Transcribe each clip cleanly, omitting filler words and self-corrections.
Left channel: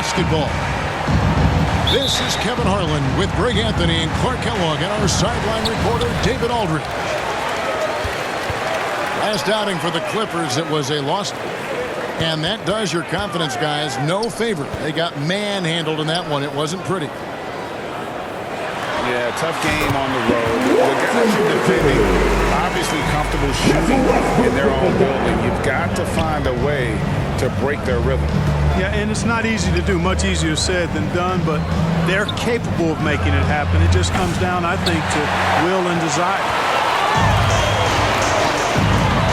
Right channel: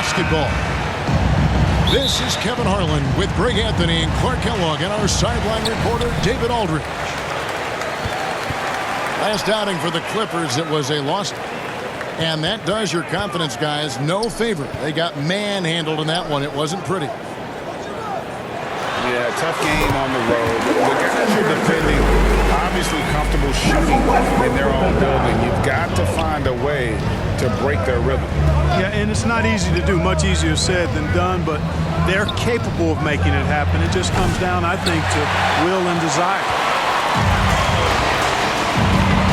basketball. This is Kevin Harlan with Greg Anthony and Clark Kellogg and our sideline reporter David Aldridge. Last outing for the Clippers, it was a loss. And that does your confidence guys no favor. They got manhandled in that one. It wasn't pretty. Yeah, tough game on the road. The guys you're defending, obviously comfortable shooting in their own building. You've got to find a way to break their rhythm. Yeah, and it's not easy to do. Much easier said than done, but they're capable of making it happen. It just comes down, I think, to will and desire.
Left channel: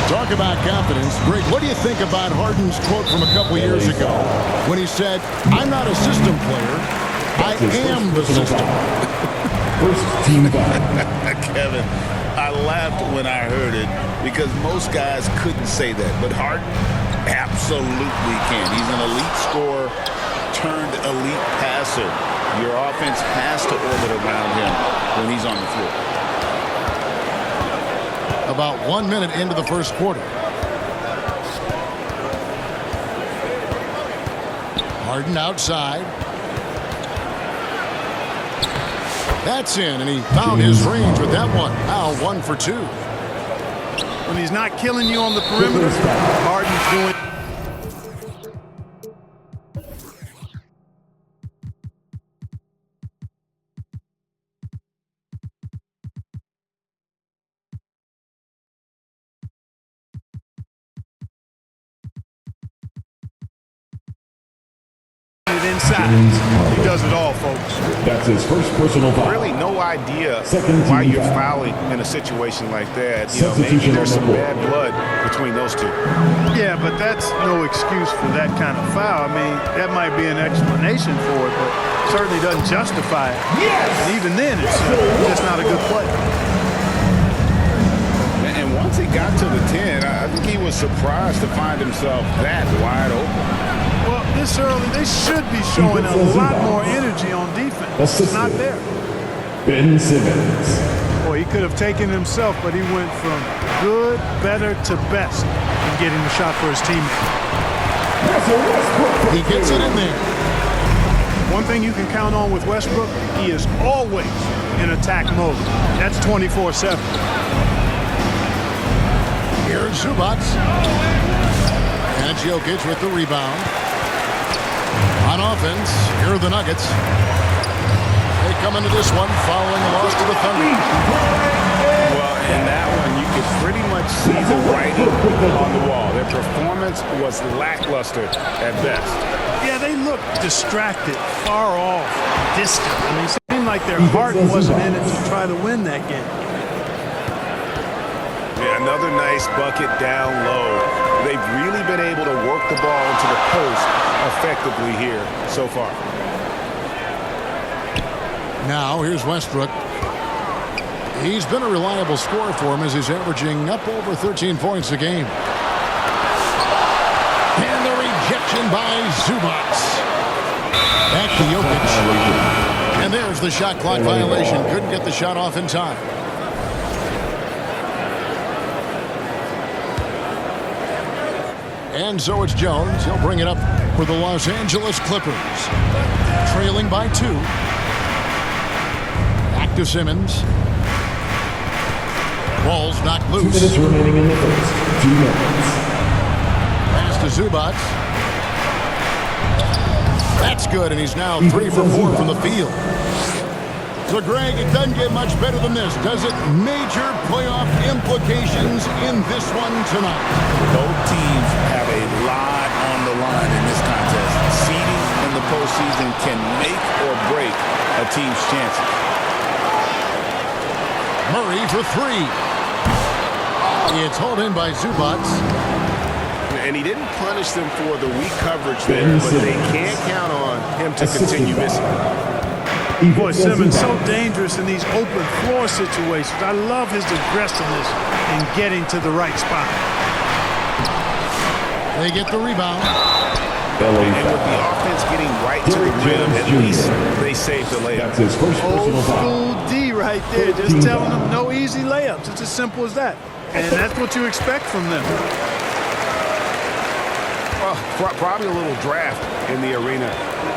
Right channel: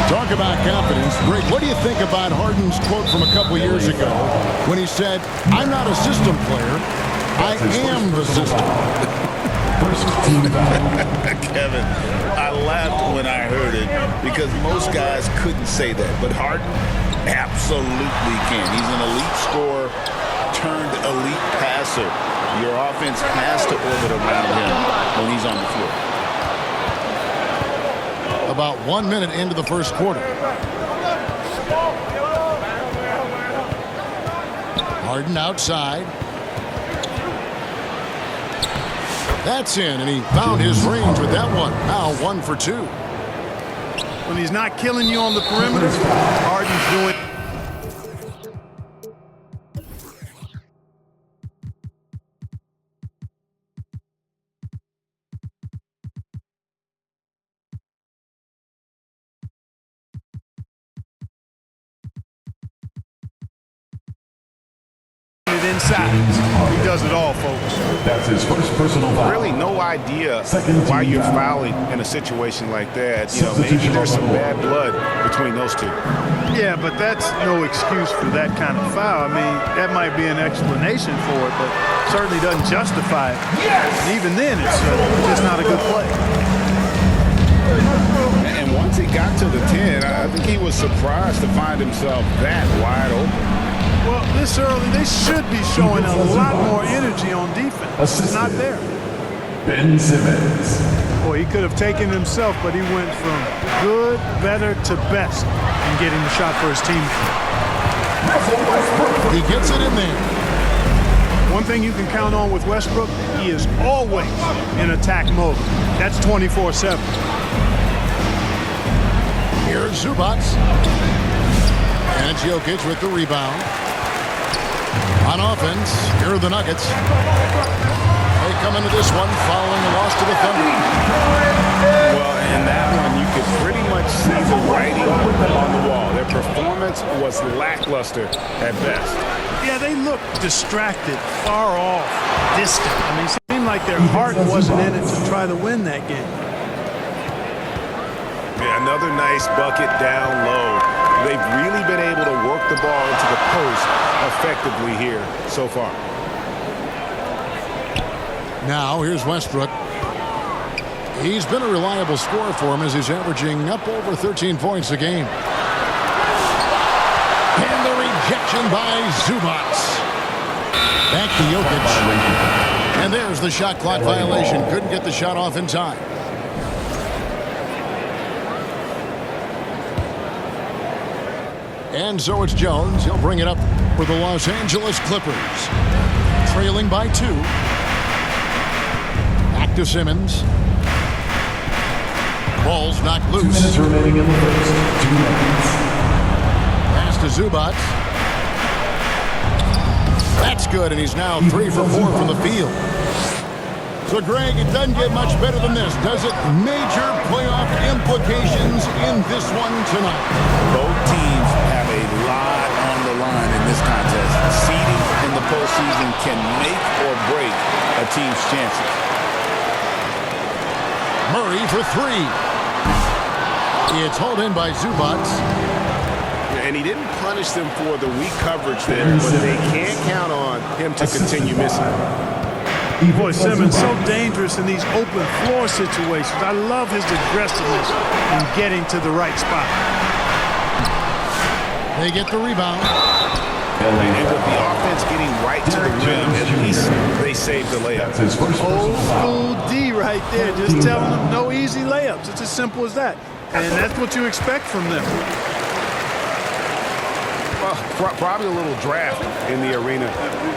Talk about confidence. Greg, what do you think about Harden's quote from a couple years ago when he said, "I'm not a system player, I am the system"? Kevin, I laughed when I heard it because most guys couldn't say that, but Harden absolutely can. He's an elite scorer turned elite passer. Your offense has to orbit around him when he's on the floor. About 1 minute into the first quarter. Harden outside. That's in, and he found his range with that one. Now 1 for 2. When he's not killing you on the perimeter, Harden's doing it inside. He does it all, folks. That's his first personal foul. Really no idea why you're fouling in a situation like that. You know, maybe there's some bad blood between those two. Yeah, but that's no excuse for that kind of foul. I mean, that might be an explanation for it, but certainly doesn't justify it. Yes! And even then, it's just not a good play. And once he got to the 10, I think he was surprised to find himself that wide open. Well, this early, they should be showing a lot more energy on defense. It's not there. Ben Simmons. Boy, he could have taken himself, but he went from good, better to best in getting the shot for his teammate. He gets it in there. One thing you can count on with Westbrook, he is always in attack mode. That's 24/7. Here's Zubac. And it's Jokic with the rebound. On offense, here are the Nuggets. They come into this one following a loss to the Thunder. Well, in that one, you could pretty much see the writing on the wall. Their performance was lackluster at best. Yeah, they looked distracted, far off, distant. I mean, it seemed like their heart wasn't in it to try to win that game. Yeah, another nice bucket down low. They've really been able to work the ball into the post effectively here so far. Now, here's Westbrook. He's been a reliable scorer for him as he's averaging up over 13 points a game. And the rejection by Zubac. Back to Jokic. And there's the shot clock violation. Couldn't get the shot off in time. And so it's Jones. He'll bring it up for the Los Angeles Clippers. Trailing by 2. Back to Simmons. Ball's knocked loose. 2 minutes remaining in the first. 2 minutes. Pass to Zubac. That's good, and he's now 3 for 4 from the field. So, Greg, it doesn't get much better than this, does it? Major playoff implications in this one tonight. Both teams have a lot on the line in this contest. Seeding in the postseason can make or break a team's chances. Murray for 3. It's hauled in by Zubac. And he didn't punish them for the weak coverage there, but they can't count on him to continue missing. Boy, Simmons so dangerous in these open floor situations. I love his aggressiveness in getting to the right spot. They get the rebound. And with the offense getting right to the rim, at least they saved the layup. That's his first Old school D right there, just telling them no easy layups. It's as simple as that. And that's what you expect from them. Well, probably a little draft in the arena.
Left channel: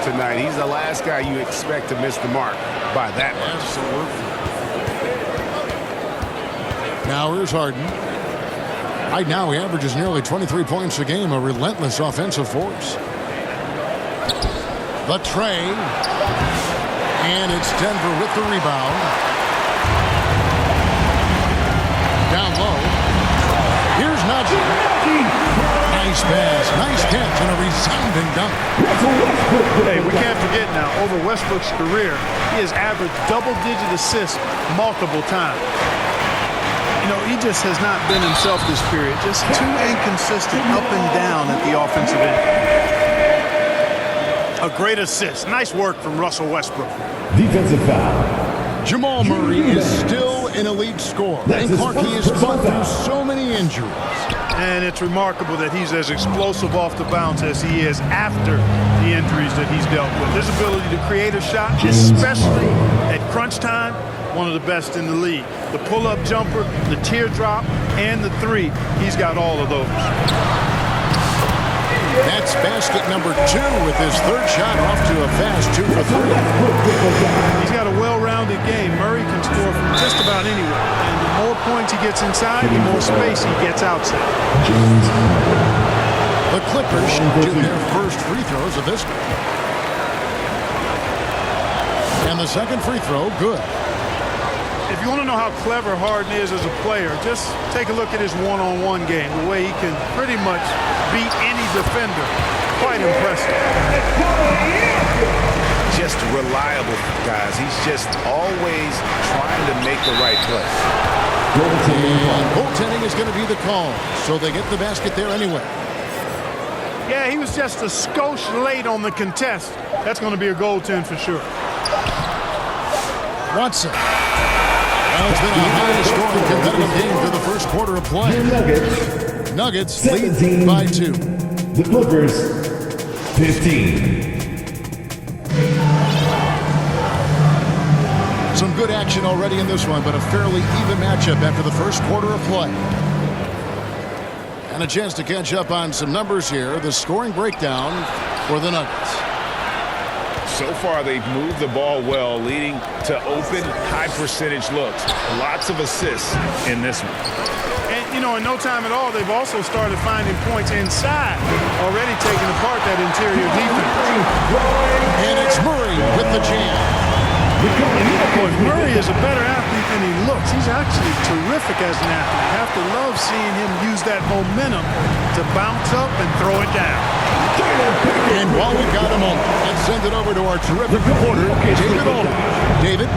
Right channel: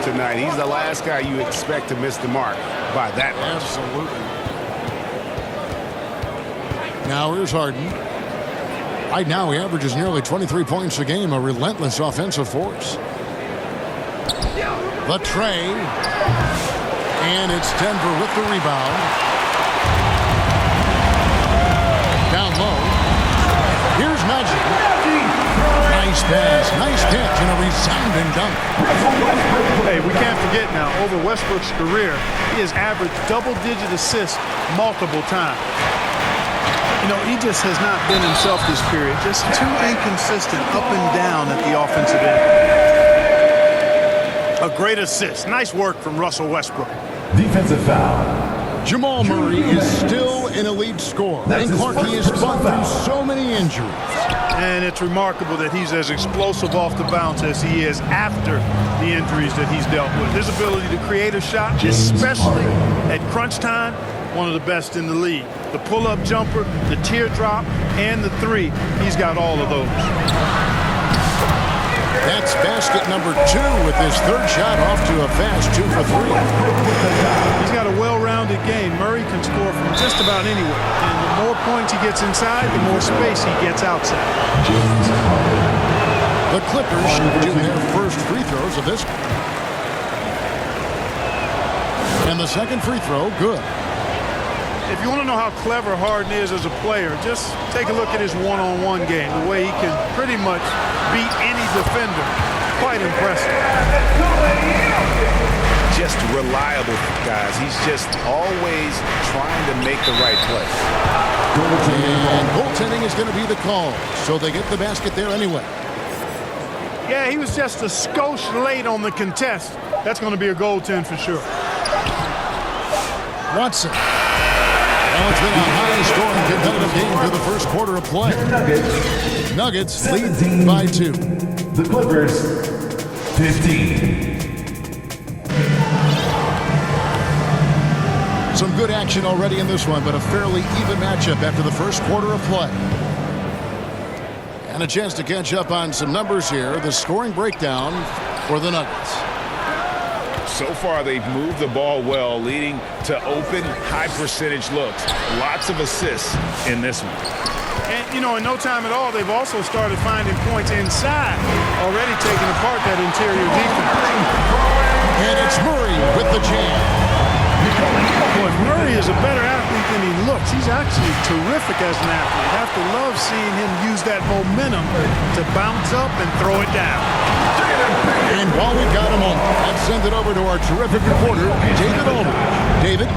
tonight. He's the last guy you expect to miss the mark by that much. Absolutely. Now here's Harden. Right now he averages nearly 23 points a game, a relentless offensive force. The tray. And it's Denver with the rebound. Down low. Here's Najee. Nice pass, nice catch, and a resounding dunk. Hey, we can't forget now, over Westbrook's career, he has averaged double-digit assists multiple times. You know, he just has not been himself this period. Just too inconsistent up and down at the offensive end. A great assist. Nice work from Russell Westbrook. Defensive foul. Jamal Murray is still an elite scorer. And Clarkie has fought through so many injuries. And it's remarkable that he's as explosive off the bounce as he is after the injuries that he's dealt with. His ability to create a shot, especially at crunch time, one of the best in the league. The pull-up jumper, the teardrop, and the three, he's got all of those. That's basket number 2 with his third shot off to a fast 2 for 3. He's got a well-rounded game. Murray can score from just about anywhere. And the more points he gets inside, the more space he gets outside. The Clippers shooting their first free throws of this. And the second free throw, good. If you want to know how clever Harden is as a player, just take a look at his one-on-one game, the way he can pretty much beat any defender. Quite impressive. Just reliable, guys. He's just always trying to make the right play. And goaltending is going to be the call, so they get the basket there anyway. Yeah, he was just a skosh late on the contest. That's going to be a goaltend for sure. Watson. Well, it's been a high-scoring competitive game through the first quarter of play. Nuggets lead by 2. The Clippers, 15. Some good action already in this one, but a fairly even matchup after the first quarter of play. And a chance to catch up on some numbers here. The scoring breakdown for the Nuggets. So far, they've moved the ball well, leading to open, high-percentage looks. Lots of assists in this one. And, you know, in no time at all, they've also started finding points inside, already taking apart that interior defense. And it's Murray with the jam. Boy, Murray is a better athlete than he looks. He's actually terrific as an athlete. You have to love seeing him use that momentum to bounce up and throw it down. And while we've got a moment, let's send it over to our terrific reporter, David Aldridge. David?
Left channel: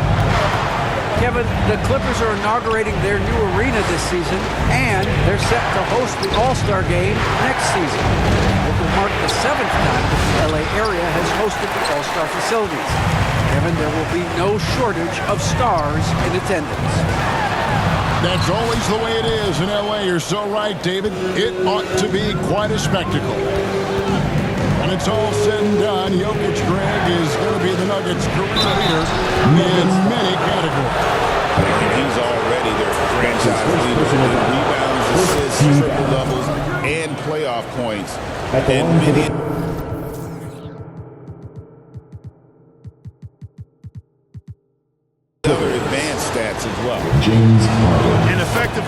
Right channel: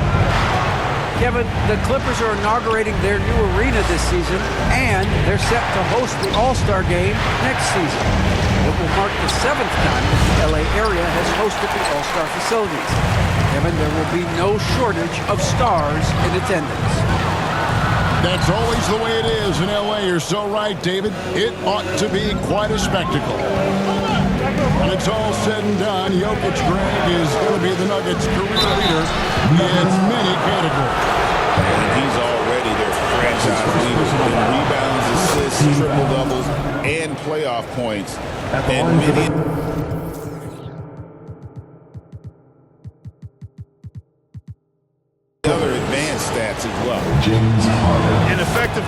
Kevin, the Clippers are inaugurating their new arena this season, and they're set to host the All-Star Game next season. It will mark the 7th time that the LA area has hosted the All-Star facilities. Kevin, there will be no shortage of stars in attendance. That's always the way it is in LA. You're so right, David. It ought to be quite a spectacle. When it's all said and done, Jokic, Greg, is going to be the Nuggets' career leader in many categories. And he's already their franchise leader in rebounds, assists, triple-doubles, and playoff points. And many other advanced stats as well. James Harden. An effective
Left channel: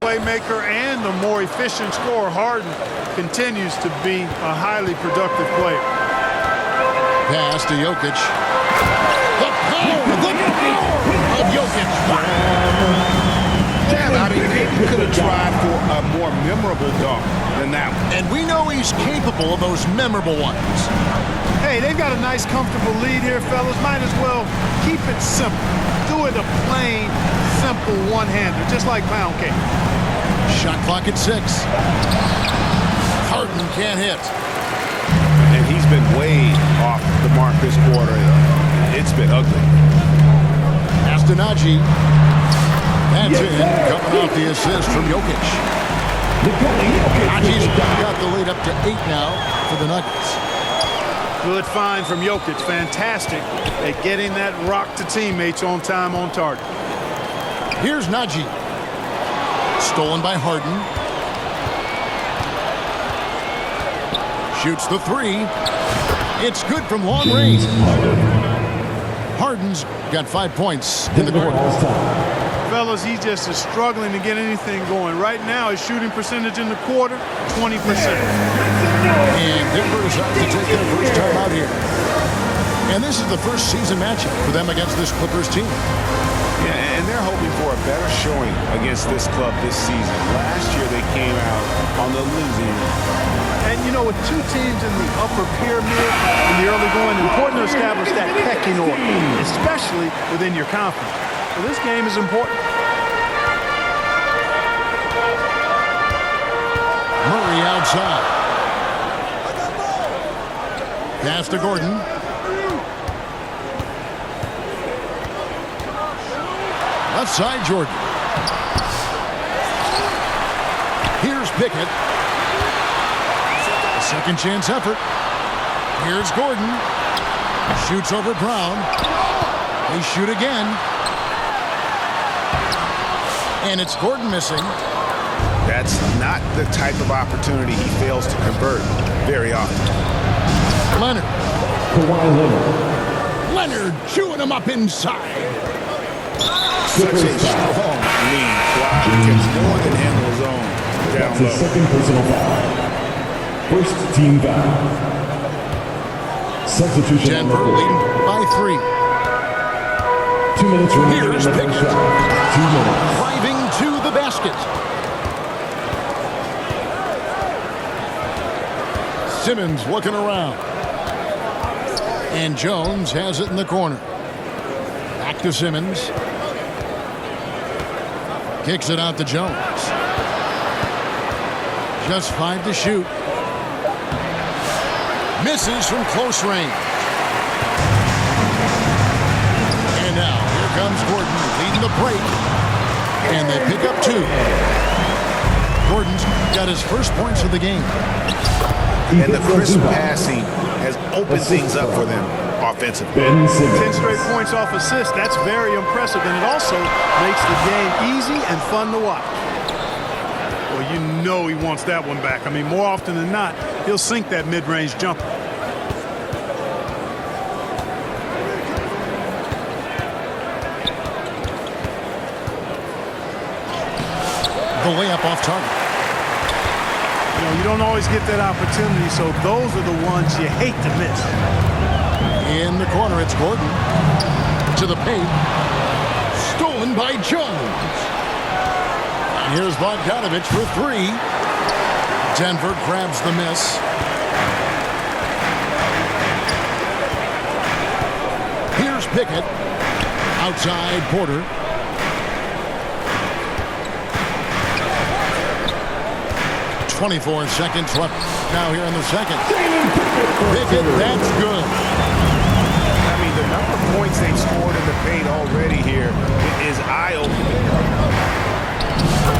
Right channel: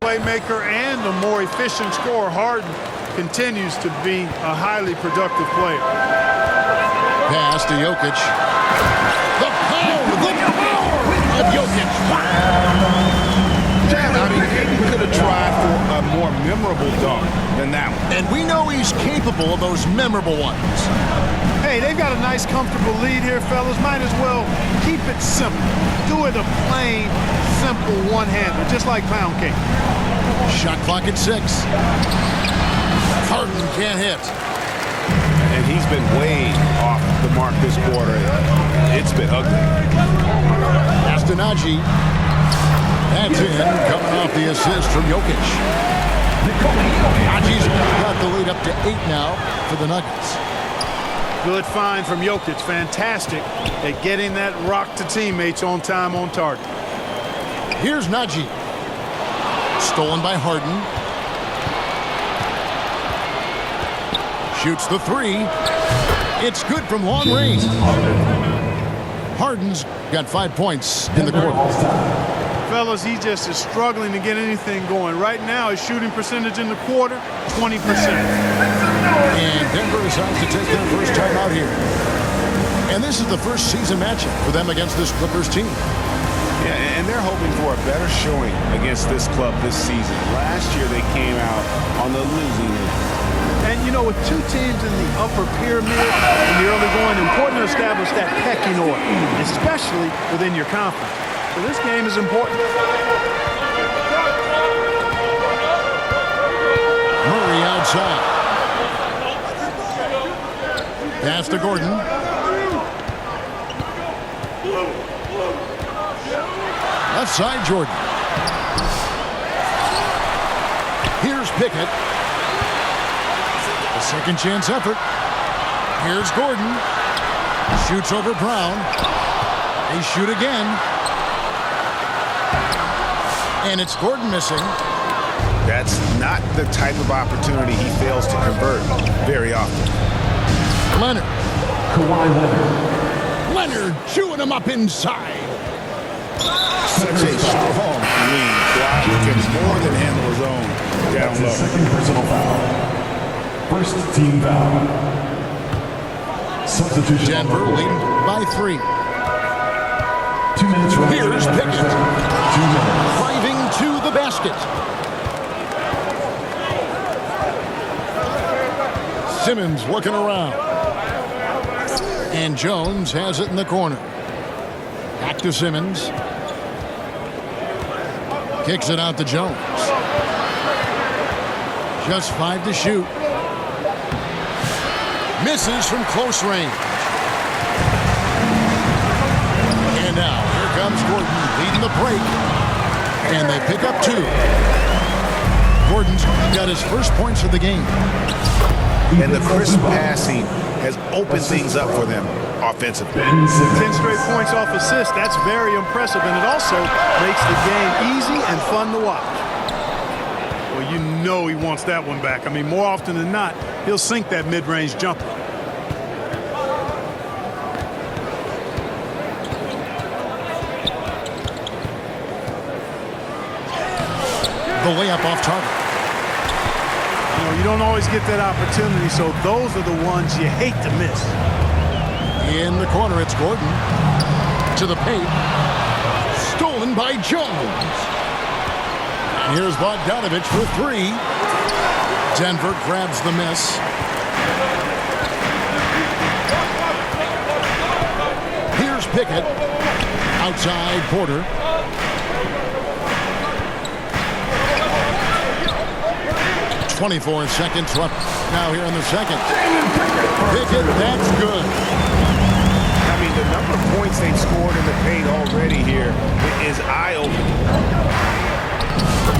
playmaker and a more efficient scorer. Harden continues to be a highly productive player. Pass to Jokic. The power of Jokic. I mean, maybe could have tried for a more memorable dunk than that one. And we know he's capable of those memorable ones. Hey, they've got a nice, comfortable lead here, fellas. Might as well keep it simple. Do it a plain, simple one-hander, just like pound cake. Shot clock at 6. Harden can't hit. And he's been way off the mark this quarter. It's been ugly. Pass to Najee. That's in, coming off the assist from Jokic. Najee's got the lead up to 8 now for the Nuggets. Good find from Jokic. Fantastic at getting that rock to teammates on time, on target. Here's Najee. Stolen by Harden. Shoots the three. It's good from long range. Harden's got 5 points in the Denver quarter. calls time. Fellas, he just is struggling to get anything going. Right now, his shooting percentage in the quarter, 20%. And Denver decides to take their first time out here. And this is the first season matchup for them against this Clippers team. Yeah, and they're hoping for a better showing against this club this season. Last year, they came out on the losing end. And, you know, with two teams in the upper pyramid in the early going, important to establish that pecking order, especially within your conference. So this game is important. Murray outside. Pass to Gordon. Left side, Jordan. Here's Pickett. A second chance effort. Here's Gordon. Shoots over Brown. They shoot again. And it's Gordon missing. That's not the type of opportunity he fails to convert very often. Leonard. Kawhi Leonard. Leonard chewing him up inside. Such a strong wing. Kawhi can more than handle his own down That's low. his second personal foul. First team foul. Substitution. Denver on the leading floor. by 3. 2 minutes remaining in Here's the first Pickett. half. 2 minutes. Driving to the basket. Simmons looking around. And Jones has it in the corner. Back to Simmons. Kicks it out to Jones. Just 5 to shoot. Misses from close range. And now here comes Gordon leading the break. And they pick up 2. Gordon's got his first points of the game. And the crisp passing has opened things up for them offensively. Ben Simmons. 10 straight points off assists. That's very impressive, and it also makes the game easy and fun to watch. Well, you know he wants that one back. I mean, more often than not, he'll sink that mid-range jumper. The layup off target. You know, you don't always get that opportunity, so those are the ones you hate to miss. In the corner, it's Gordon. To the paint. Stolen by Jones. And here's Bogdanovich for 3. Denver grabs the miss. Here's Pickett. Outside Porter. .24 seconds left now here in the second. Pickett, that's good. I mean, the number of points they've scored in the paint already here is eye-opening.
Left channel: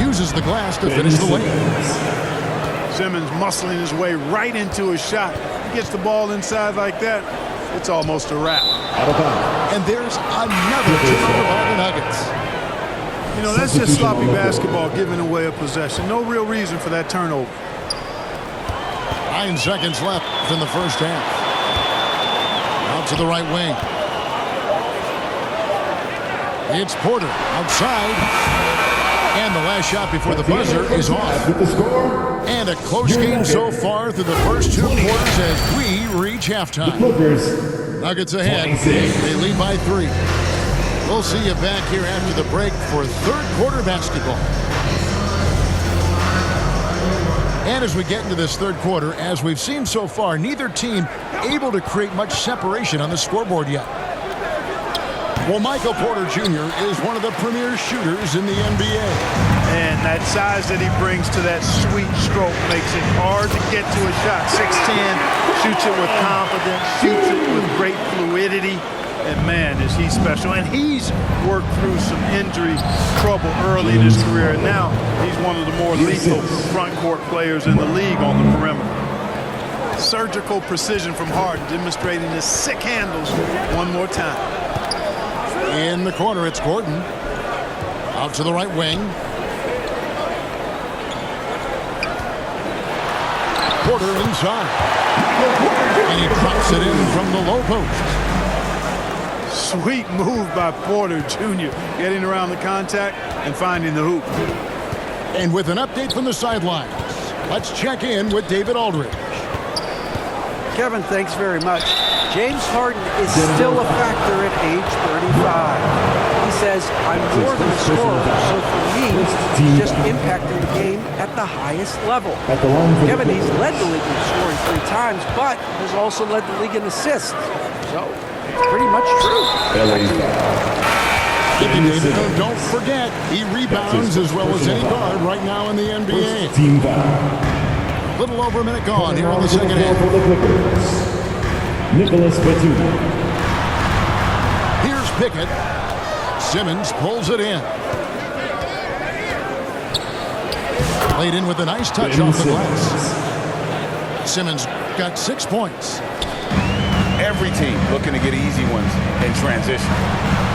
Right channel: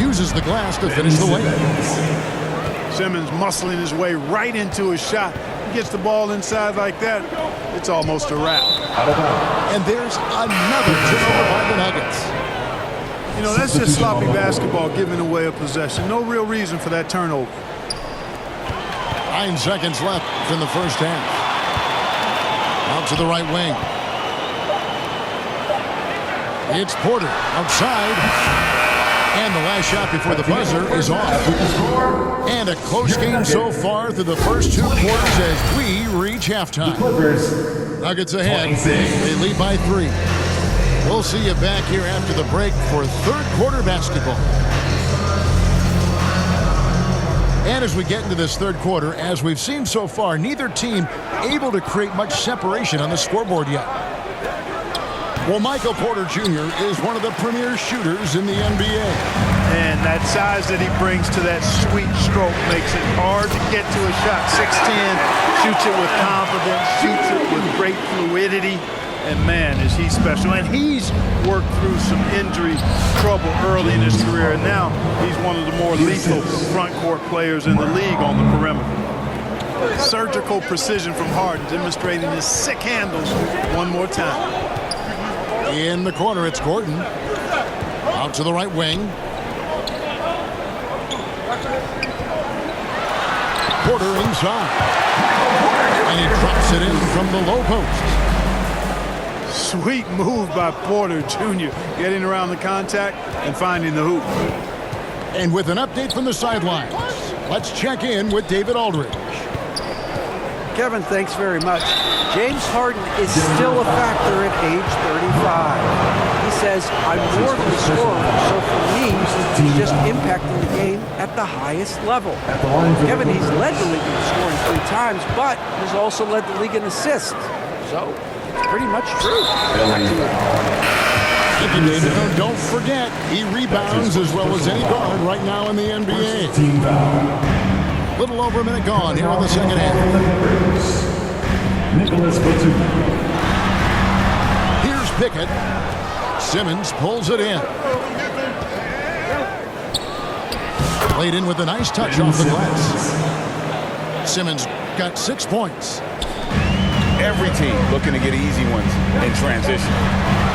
Uses the glass to finish the layup. Simmons muscling his way right into his shot. He gets the ball inside like that, it's almost a wrap. Out of bounds. And there's another turnover by the Nuggets. You know, that's just sloppy basketball, giving away a possession. No real reason for that turnover. 9 seconds left in the first half. Out to the right wing. It's Porter outside. And the last shot before the buzzer is off. With the score, And a close game so far through the first 2 quarters as we reach halftime. Clippers. Nuggets ahead. 26. They lead by 3. We'll see you back here after the break for third quarter basketball. And as we get into this third quarter, as we've seen so far, neither team able to create much separation on the scoreboard yet. Well, Michael Porter Jr. is one of the premier shooters in the NBA. And that size that he brings to that sweet stroke makes it hard to get to a shot. 6'10", shoots it with confidence, shoots it with great fluidity. And man, is he special. And he's worked through some injury trouble early in his career. And now he's one of the more lethal front court players in the league on the perimeter. Surgical precision from Harden, demonstrating his sick handles one more time. In the corner, it's Gordon. Out to the right wing. Porter inside. And he drops it in from the low post. Sweet move by Porter Jr. getting around the contact and finding the hoop. And with an update from the sidelines, let's check in with David Aldridge. Kevin, thanks very much. James Harden is still a factor at age 35. He says, I'm more than a scorer, so for me, he's just impacting the game at the highest level. Kevin, he's led the league in scoring 3 times, but has also led the league in assists. So, it's pretty much true. Back to you. Thank you, David. Don't forget, he rebounds as well as any guard right now in the NBA. Team foul. Little over a minute gone here in the second half. For the Clippers, Nicholas Batum. Here's Pickett. Simmons pulls it in. Played in with a nice touch off the glass. Simmons got 6 points. Every team looking to get easy ones in transition.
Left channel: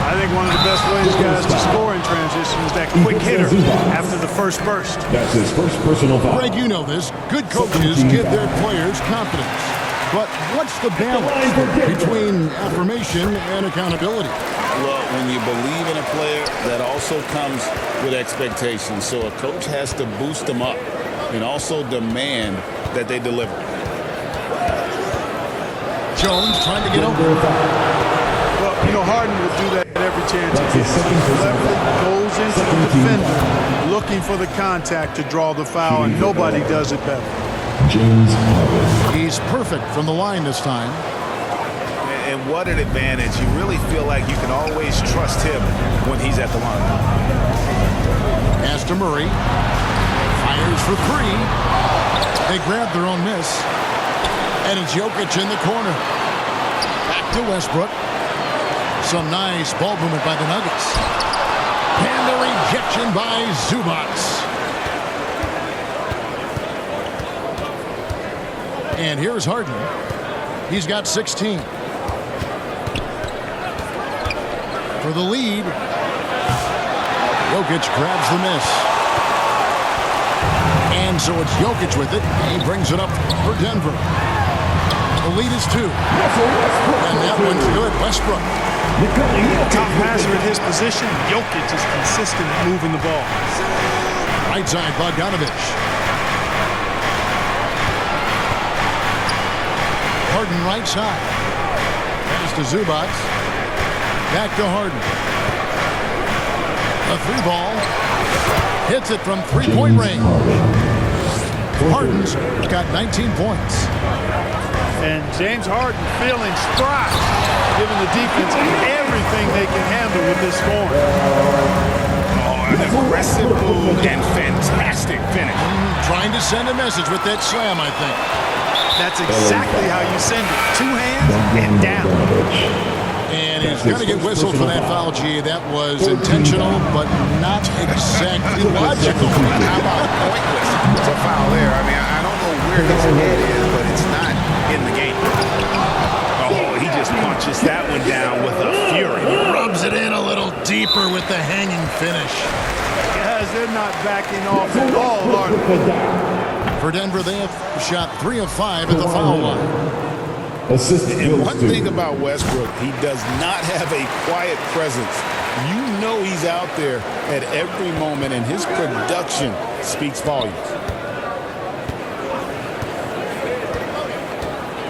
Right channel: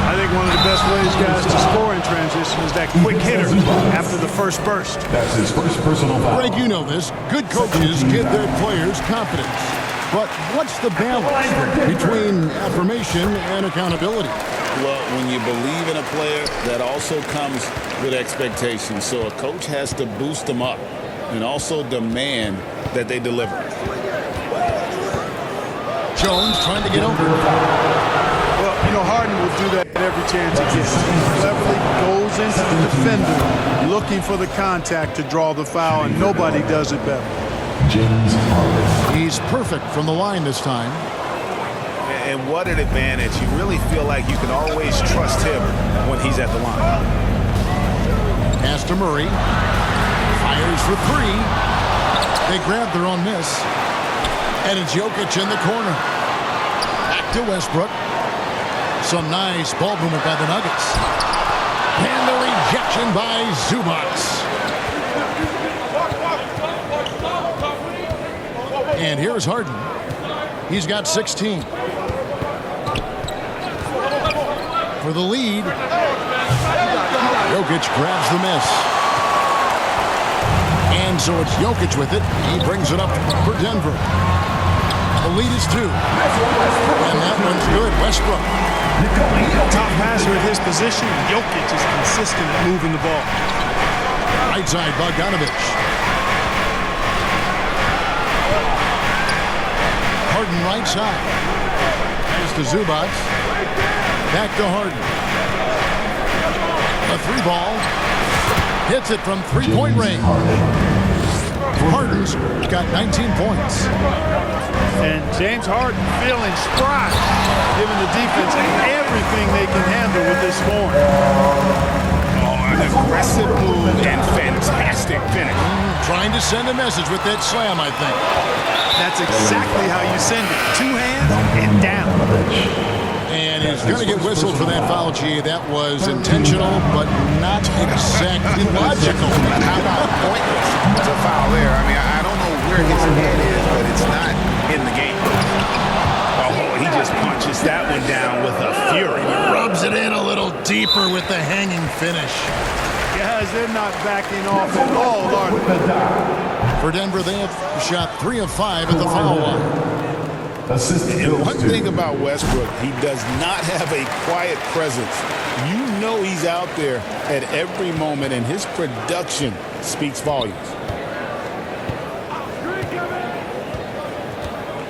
I think one of the best ways, guys, to score in transition is that quick hitter after the first burst. That's his first personal foul. Greg, you know this. Good coaches give their players confidence. But what's the balance between affirmation and accountability? Well, when you believe in a player, that also comes with expectations. So a coach has to boost them up and also demand that they deliver. Jones trying to get over. Well, you know, Harden will do that every chance he gets. He cleverly goes into the defender looking for the contact to draw the foul, and nobody does it better. James Harden. He's perfect from the line this time. And what an advantage. You really feel like you can always trust him when he's at the line. Pass to Murray. Fires for 3. They grab their own miss. And it's Jokic in the corner. Back to Westbrook. Some nice ball movement by the Nuggets. And the rejection by Zubac. And here's Harden. He's got 16. For the lead. Jokic grabs the miss. And so it's Jokic with it. He brings it up for Denver. The lead is 2. And that one's good. Westbrook. Top passer at his position. Jokic is consistent at moving the ball. Right side, Bogdanovic. Harden right side. Pass to Zubac. Back to Harden. A 3 ball. Hits it from 3-point range. Harden's got 19 points. And James Harden feeling spry, giving the defense everything they can handle with this scoring. Oh, an aggressive move and fantastic finish. Trying to send a message with that slam, I think. That's exactly how you send it. 2 hands and down. And he's going to get whistled for that foul, G. That was intentional, but not exactly logical. How about pointless to foul there? I mean, I don't know where his head is, but it's not in the game. Oh, he just punches that one down with a fury. Rubs it in a little deeper with the hanging finish. Guys, they're not backing off at all, are they? For Denver, they have shot 3 of 5 at the foul line. And one thing about Westbrook, he does not have a quiet presence. You know he's out there at every moment, and his production speaks volumes.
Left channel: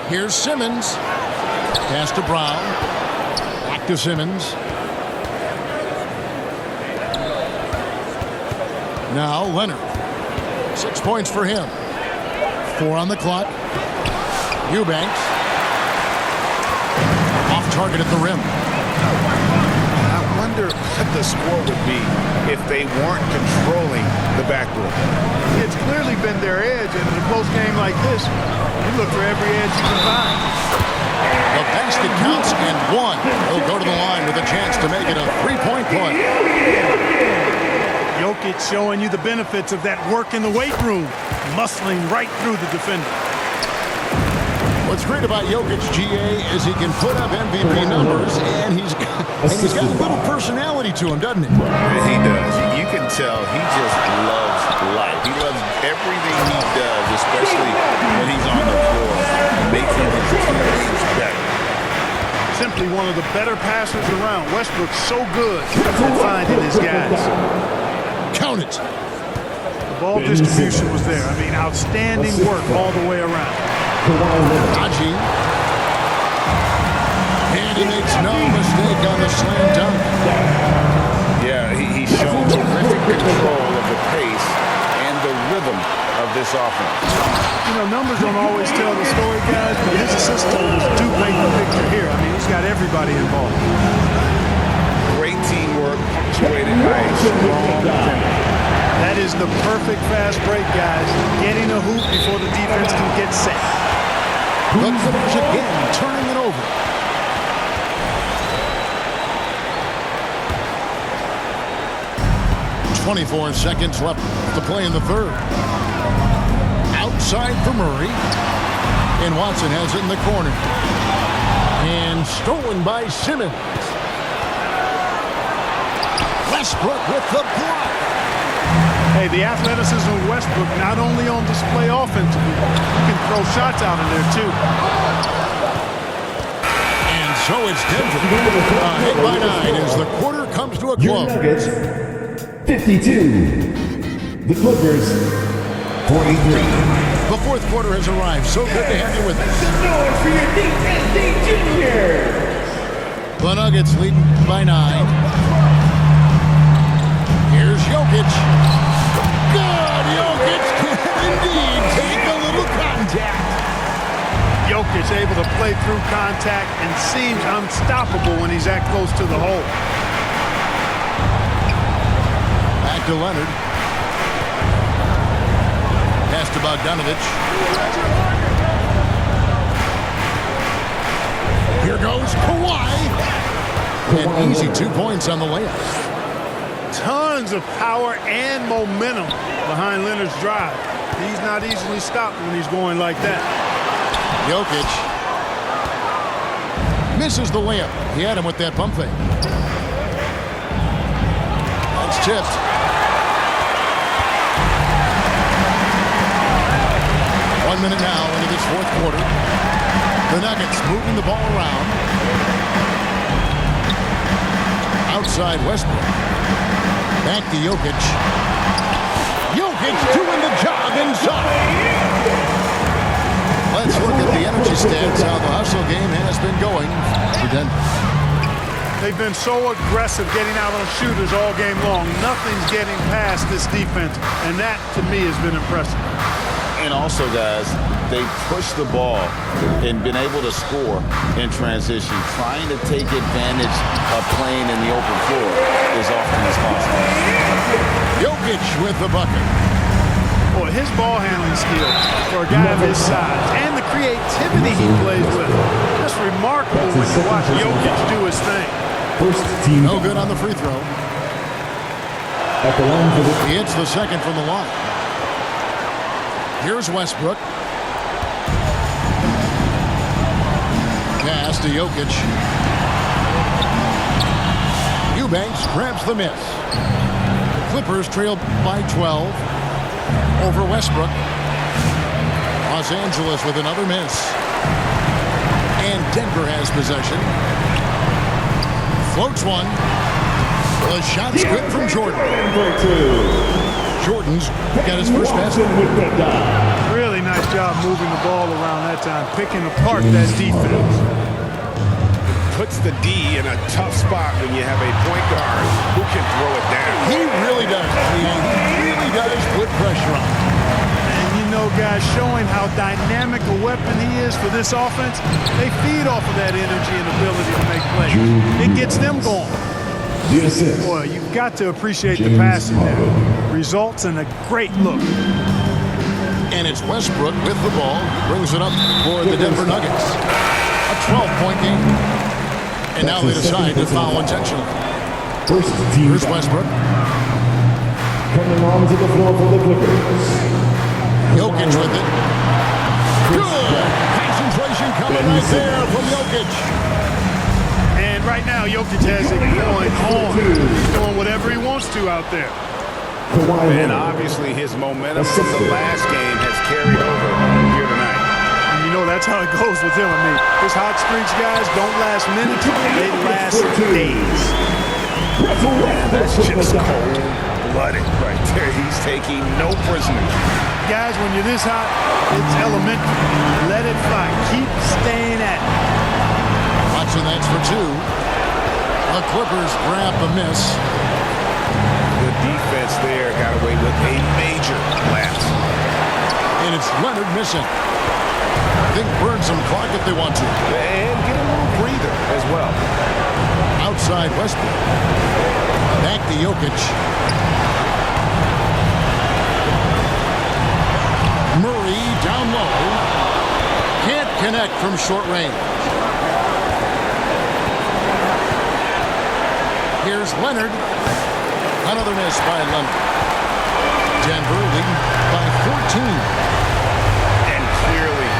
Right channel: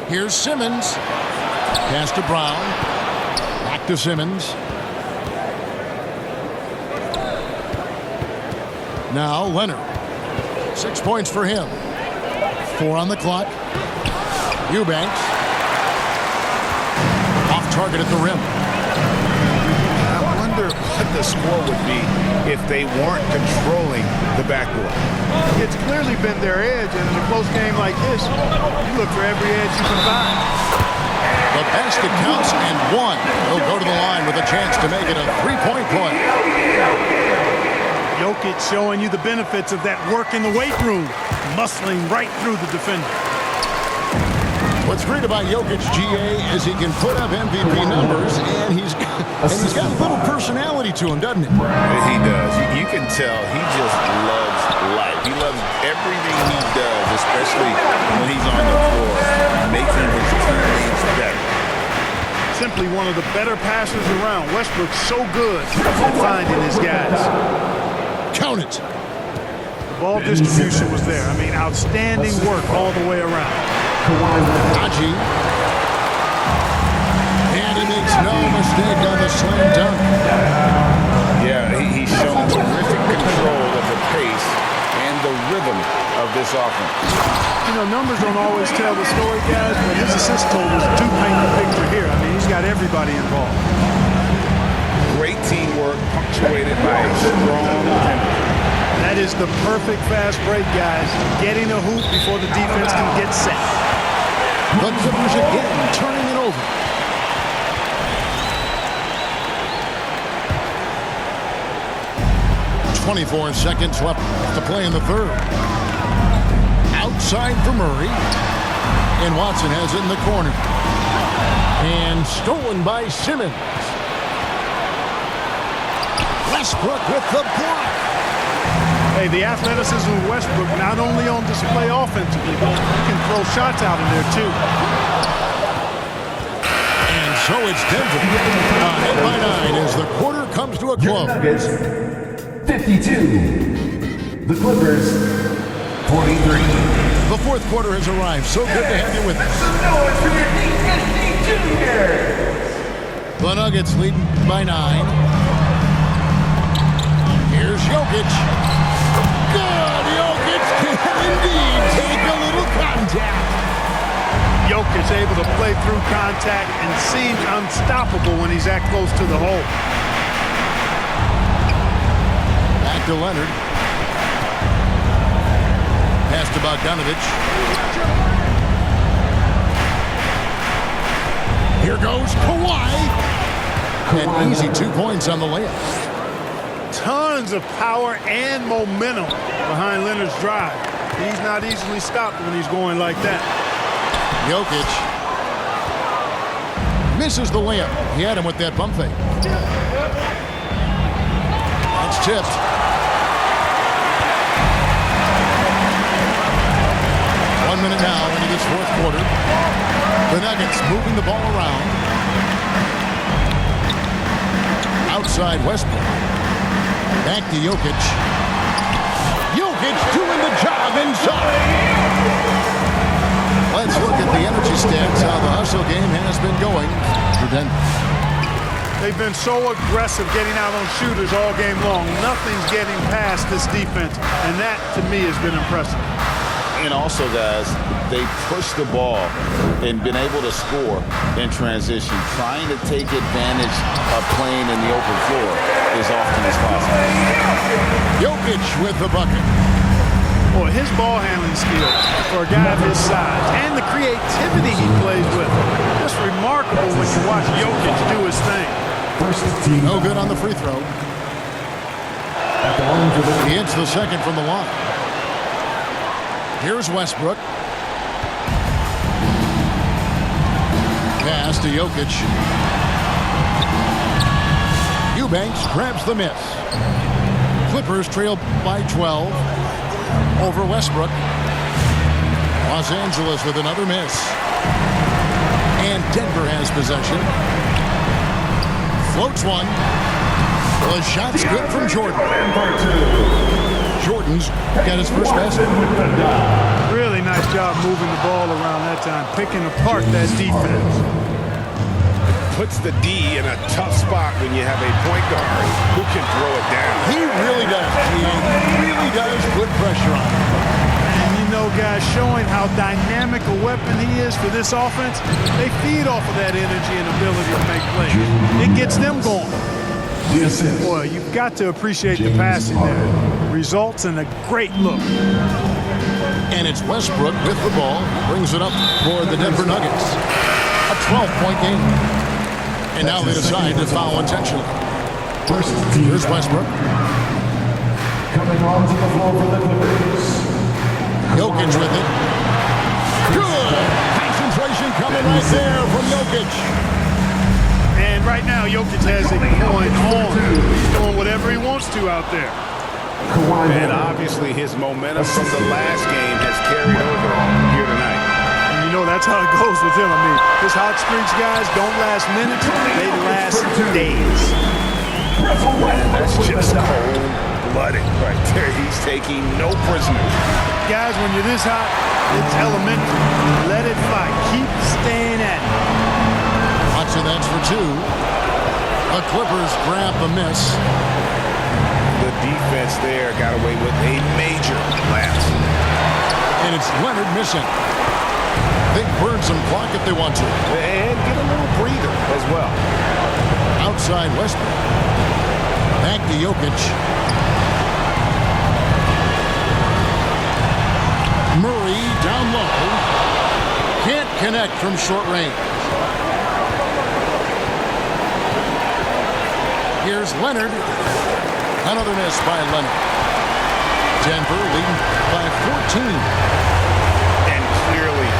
Here's Simmons. Pass to Brown. Back to Simmons. Now Leonard. 6 points for him. 4 on the clock. Eubanks. Off target at the rim. I wonder what the score would be if they weren't controlling the backboard. It's clearly been their edge, and in a close game like this, you look for every edge you can find. The basket counts and 1. He'll go to the line with a chance to make it a 3-point play. Jokic showing you the benefits of that work in the weight room, muscling right through the defender. What's great about Jokic, GA, is he can put up MVP numbers, and he's got a little personality to him, doesn't he? He does. You can tell he just loves life. He loves everything he does, especially when he's on the floor, making his teammates better. Simply one of the better passers around. Westbrook's so good at finding his guys. Count it. The ball distribution was there. I mean, outstanding work all the way around. Haji. And he makes no mistake on the slam dunk. Yeah, he's shown terrific control of the pace and the rhythm of this offense. You know, numbers don't always tell the story, guys, but his assist totals do paint the picture here. I mean, he's got everybody involved. Great teamwork punctuated by a strong finish. That is the perfect fast break, guys. Getting a hoop before the defense can get set. The Clippers again turning it over. .24 seconds left to play in the third. Outside for Murray. And Watson has it in the corner. And stolen by Simmons. Westbrook with the block. Hey, the athleticism of Westbrook not only on display offensively, he can throw shots out in there too. And so it's Denver. Ahead by 9 as the quarter comes to a Your close. Nuggets, 52. The Clippers, 43. The fourth quarter has arrived. So good to have you with us. Some noise for your DSD Juniors. The Nuggets leading by 9. Here's Jokic. Good. Jokic can indeed take a little contact. Jokic able to play through contact and seems unstoppable when he's that close to the hole. Back to Leonard. Pass to Bogdanovich. Here goes Kawhi. An easy 2 points on the layup. Tons of power and momentum behind Leonard's drive. He's not easily stopped when he's going like that. Jokic misses the layup. He had him with that pump fake. That's tipped. One minute now into this fourth quarter. The Nuggets moving the ball around. Outside Westbrook. Back to Jokic. Jokic doing the job inside. Let's look at the energy stats, how the hustle game has been going for Denver. They've been so aggressive getting out on shooters all game long. Nothing's getting past this defense, and that, to me, has been impressive. And also, guys, they pushed the ball and been able to score in transition, trying to take advantage of playing in the open floor as often as possible. Jokic with the bucket. Boy, his ball handling skills for a guy of his size and the creativity he plays with. Just remarkable when you watch Jokic do his thing. First team. No good on the free throw. At the line for the He hits the second from the line. Here's Westbrook. Pass to Jokic. Eubanks grabs the miss. Clippers trail by 12 over Westbrook. Los Angeles with another miss. And Denver has possession. Floats one. The shot's good from Jordan. Jordan's got his first basket. Really nice job moving the ball around that time, picking apart that defense. Puts the D in a tough spot when you have a point guard who can throw it down. He really does, G.A. He really does put pressure on him. And you know, guys, showing how dynamic a weapon he is for this offense, they feed off of that energy and ability to make plays. It gets them going. Boy, you've got to appreciate the passing there. Results in a great look. And it's Westbrook with the ball. He brings it up for the Denver Nuggets. A 12-point game. And now they decide to foul intentionally. first team. Here's Westbrook. Coming onto the floor for the Clippers. Jokic with it. Good. Pass concentration coming right there from Jokic. And right now, Jokic has it going on. He's doing whatever he wants to out there. Kawhi And Leonard. obviously his momentum from the last game has carried over here tonight. And you know that's how it goes with him. I mean, his hot streaks, guys, don't last minutes. They last days. And that's just cold-blooded right there. He's taking no prisoners. Guys, when you're this hot, it's elementary. Let it fly. Keep staying at it. Watson, that's for two. The Clippers grab the miss. The defense there got away with a major lapse. And it's Leonard missing. They can burn some clock if they want to. And get a little breather as well. Outside Westbrook. Back to Jokic. Murray down low. Can't connect from short range. Here's Leonard. Another miss by Leonard. Denver leading by 14. And clearly,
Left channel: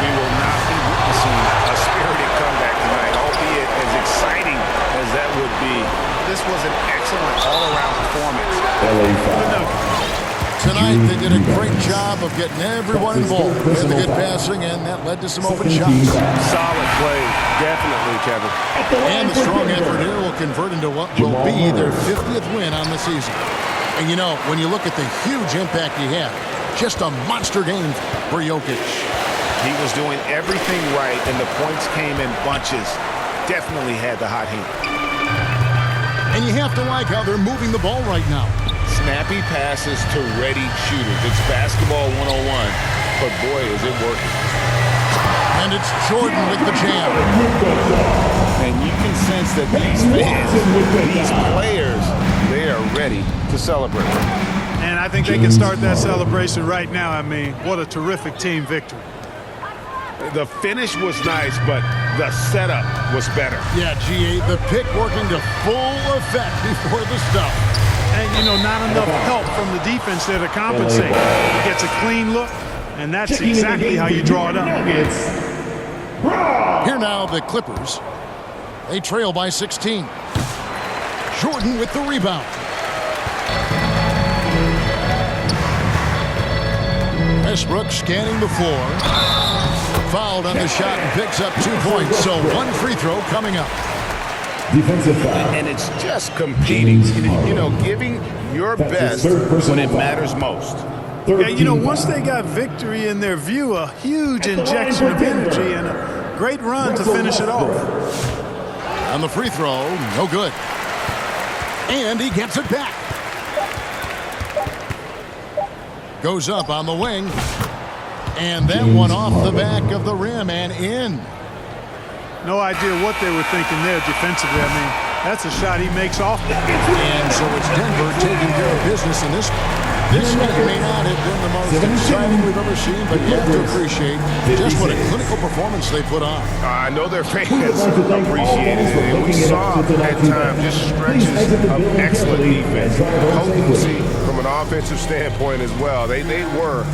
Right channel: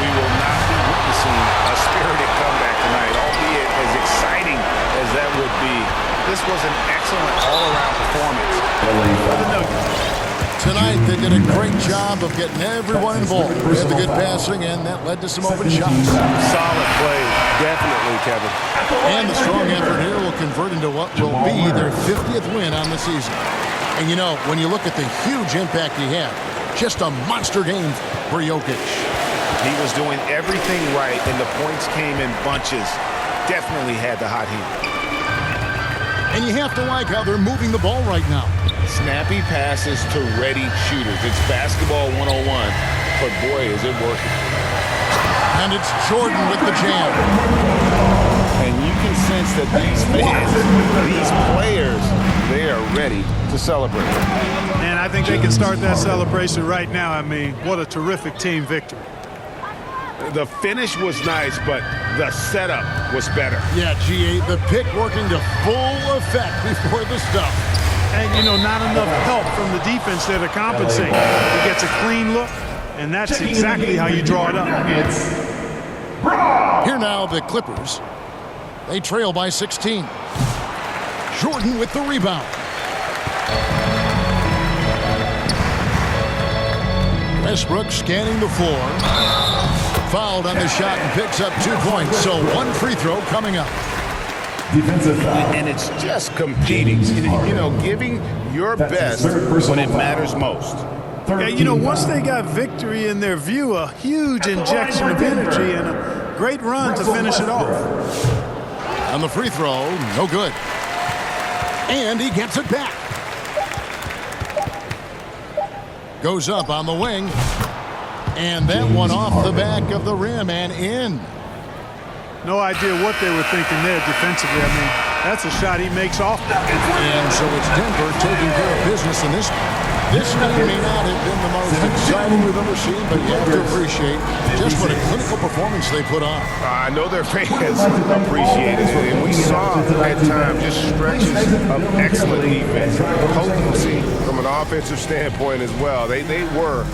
we will not be witnessing a spirited comeback tonight, albeit as exciting as that would be. This was an excellent all-around performance for the Nuggets. Tonight, they did a great job of getting everyone involved. They had the good passing, and that led to some open shots. Solid play, definitely, Kevin. And the strong effort here will convert into what will be their 50th win on the season. And you know, when you look at the huge impact he had, just a monster game for Jokic. He was doing everything right, and the points came in bunches. Definitely had the hot hand. And you have to like how they're moving the ball right now. Snappy passes to ready shooters. It's basketball 101, but boy, is it working. And it's Jordan with the jam. And you can sense that these fans, these players, they are ready to celebrate. And I think they can start that celebration right now. I mean, what a terrific team victory. The finish was nice, but the setup was better. Yeah, G8, the pick working to full effect before the stuff. And, you know, not enough help from the defense there to compensate. He gets a clean look, and that's exactly how you draw it up. Here now, the Clippers. They trail by 16. Jordan with the rebound. Westbrook scanning the floor. Fouled on the shot and picks up 2 points. So one free throw coming up. Defensive foul. And it's just competing, you know, giving your That's his best third personal when it foul. matters most. Yeah, you know, 13 once they fouls. got victory in their view, a huge injection of energy and a great run to finish it off. On the free throw, no good. And he gets it back. Goes up on the wing. And that one off the back of the rim and in. No idea what they were thinking there defensively. I mean, that's a shot he makes off. And so it's Denver taking care of business in this one. This game may not have been the most exciting we've ever seen, but you have to appreciate just what a clinical performance they put on. I know their fans appreciated it, and we saw at times just stretches of excellent defense, potency from an offensive standpoint as well. They were